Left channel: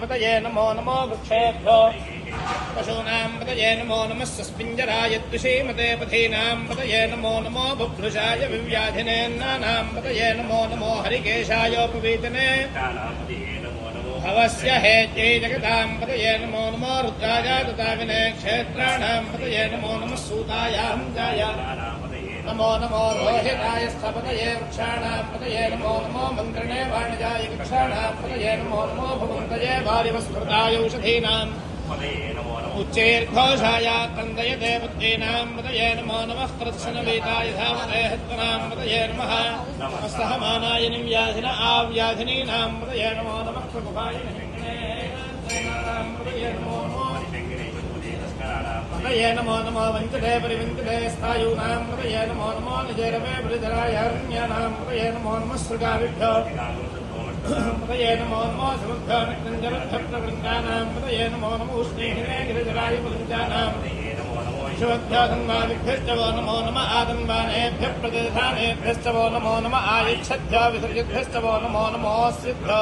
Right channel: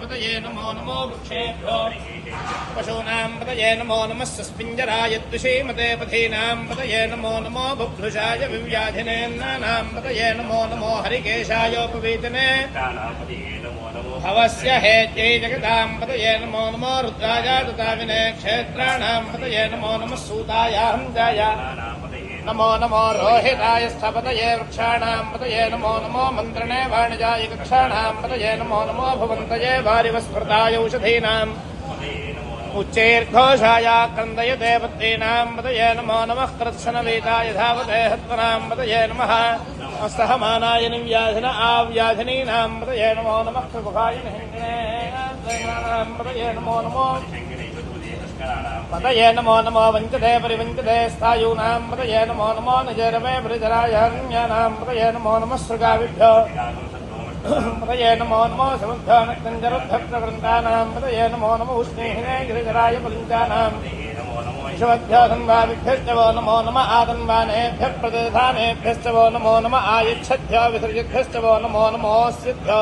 पतये नमो नमो वृक्षेभ्यो पशूनां पतये नमो नमः सस्पिञ्जराय द्विषीमते पथीनां पतये नमो नमो बुभुषाय विव्याधिनेन्नानां पतये नमो नमो हरिकेशायोपवीतने भवस्य हेत्यै जगतां पतये नमो नमो रुद्राय ददाविने क्षेत्राणां पतये नमो नमः सूतायां जाय नमो नमो रोहिताय स्थपतये वृक्षाणां पतये नमो नमो मन्त्रिणे वाणिजाय वृक्षाणां पतये नमो नमो भवन्तये वारिवस्मृताय औषधीनाम् उच्चैर्घोषाय तन्दय देवतीनां पतये नमो नमः कृत्सनवेदाय धावते हत्वनां पतये नमः सहमानाय निव्याधिन आव्याधिनीनां पतये नमो नमः प्रभुभाय पतये नमो नमो पतये नमो नमो वञ्चते परिवञ्चते स्थायूनां पतये नमो नमो निजरमे परिजराय हरण्यानां पतये नमो नमः सृगाविभ्यो पतये नमो नमो समुद्भ्यो नक्तञ्जलभक्तवृन्दानां पतये नमो नमो उष्णेहिने गिरिधराय पुलिञ्जानां शवभ्यो धन्वाविभ्यश्च वो नमो नमः आदन्वानेभ्यः प्रतिधानेभ्यश्च वो नमो नमः आयुच्छद्भ्यो विसर्जिभ्यश्च वो नमो नमो सिद्भ्यो